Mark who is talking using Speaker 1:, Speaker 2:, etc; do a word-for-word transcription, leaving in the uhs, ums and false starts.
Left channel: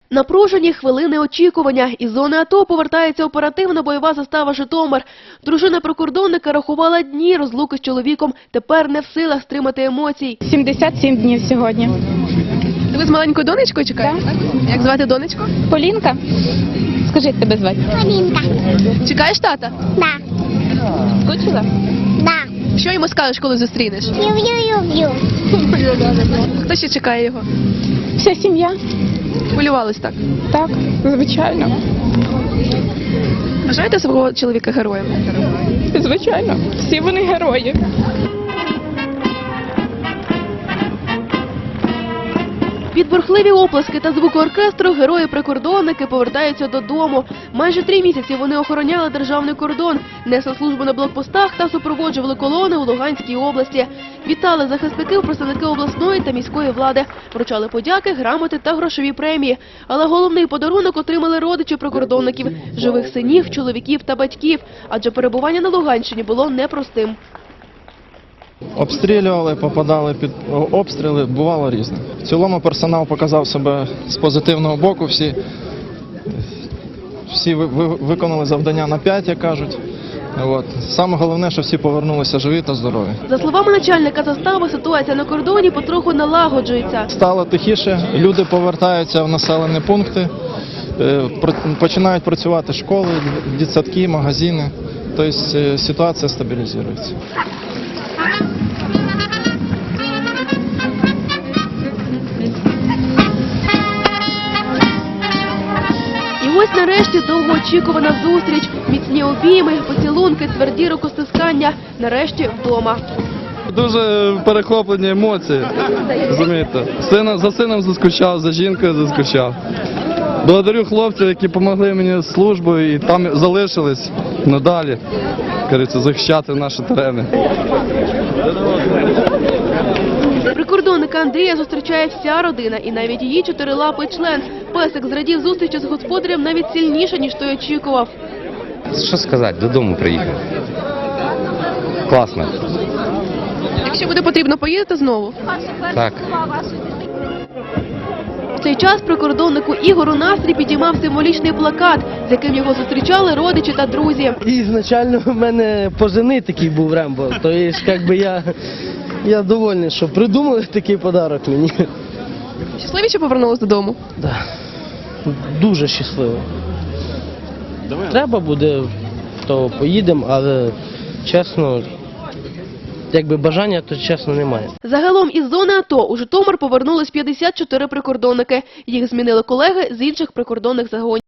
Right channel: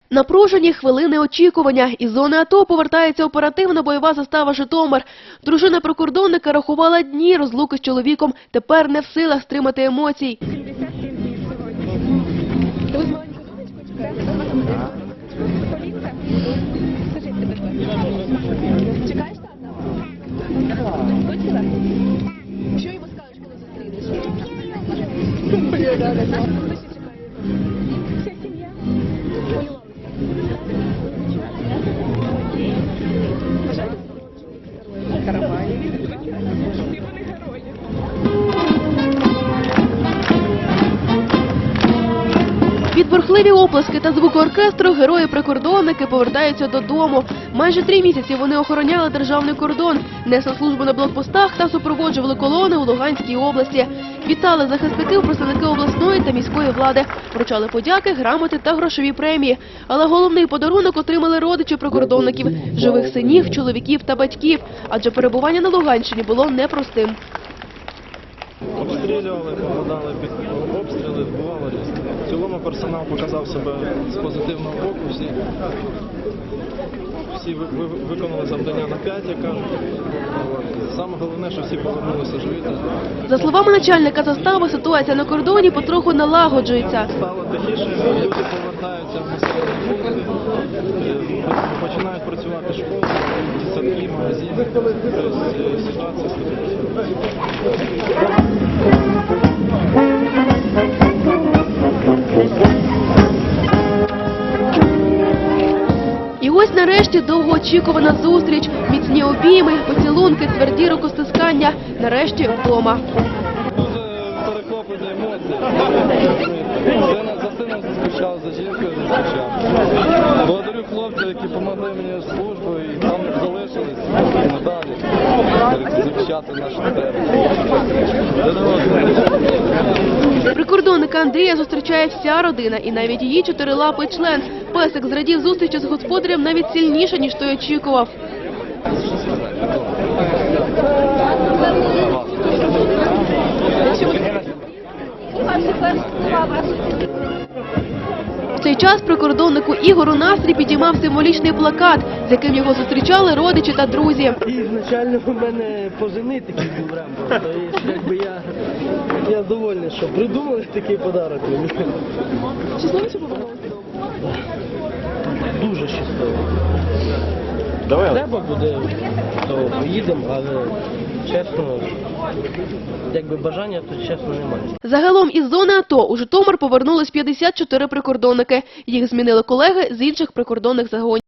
Speaker 1: Напружені хвилини очікування. Із зони АТО повертається оперативна бойова застава «Житомир». Дружина прикордонника рахувала дні розлуки з чоловіком. Тепер не в силах стримати емоцій.
Speaker 2: сімдесят сім днів сьогодні.
Speaker 1: Ви з маленькою донечкою чекаєте?
Speaker 2: Так.
Speaker 1: Як звати донечку?
Speaker 2: Полінка? Скажи, як тебе звати?
Speaker 3: Полінка.
Speaker 1: Чекаєш тата?
Speaker 3: Да.
Speaker 2: Скучила?
Speaker 3: Да.
Speaker 1: Що йому скажеш, коли зустрінеш?
Speaker 3: Люблю-люблю.
Speaker 1: Хто ще чекає його?
Speaker 2: Вся сім'я?
Speaker 1: Хвилювались так?
Speaker 2: Так, звичайно.
Speaker 1: Вважаєте свого чоловіка героєм?
Speaker 2: Звичайно. Всі вони герої.
Speaker 1: Під бурхливі оплески та звуки оркестру герої-прикордонники повертаються додому. Майже три місяці вони охороняли державний кордон, несли службу на блокпостах та супроводжували колони у Луганській області. Вітали захисників представники обласної та міської влади, вручали подяки, грамоти та грошові премії. Але головний подарунок отримали родичі прикордонників – живих синів, чоловіків та батьків, адже перебування на Луганщині було непростим.
Speaker 4: Обстрілювали, попадали під обстріли, бувало різне. В цілому персонал показав себе з позитивного боку, всі, всі ви- ви- виконали завдання на п'ять, як кажуть. От. Саме головне, що всі повернулися живі та здорові.
Speaker 1: За словами начальника застави, ситуація на кордоні потроху налагоджується.
Speaker 4: Стало тихіше, люди повертаються в населені пункти, е, про- починають працювати школи, дитсадки, магазини. Тобто е, ситуація стабілізується.
Speaker 1: І ось нарешті довгоочікувана зустріч. Міцні обійми, поцілунки, тверді рукостискання. Нарешті вдома.
Speaker 5: Дуже перехоплені емоції, розумієте. Сина, за сином заскучав, за жінкою заскучав. Благодарю хлопців, які допомогли мені з службою і там залишились надалі, кажеться, захищати наші терени.
Speaker 1: Прикордонника Андрія зустрічає вся родина і навіть її чотирилапий член. Песик зрадів зустрічі з господарем навіть сильніше, ніж той очікував.
Speaker 6: Що сказати, додому приїхав. Класно.
Speaker 1: Якщо буде потрібно, поїдете знову?
Speaker 6: Так.
Speaker 1: В цей час прикордоннику Ігору настрій підіймав символічний плакат, з яким його зустрічали родичі та друзі.
Speaker 7: Ізначально в мене пожени такий був Рембо, то є, як би я, я довольний, що придумали такий подарок мені.
Speaker 1: Щасливі, що повернулись додому?
Speaker 7: Дуже щасливий. Треба буде, то поїдемо, але чесно, якби бажання, то чесно немає.
Speaker 1: Загалом із зони АТО у Житомир повернулись п'ятдесят чотири прикордонники. Їх змінили колеги з інших прикордонних загонів.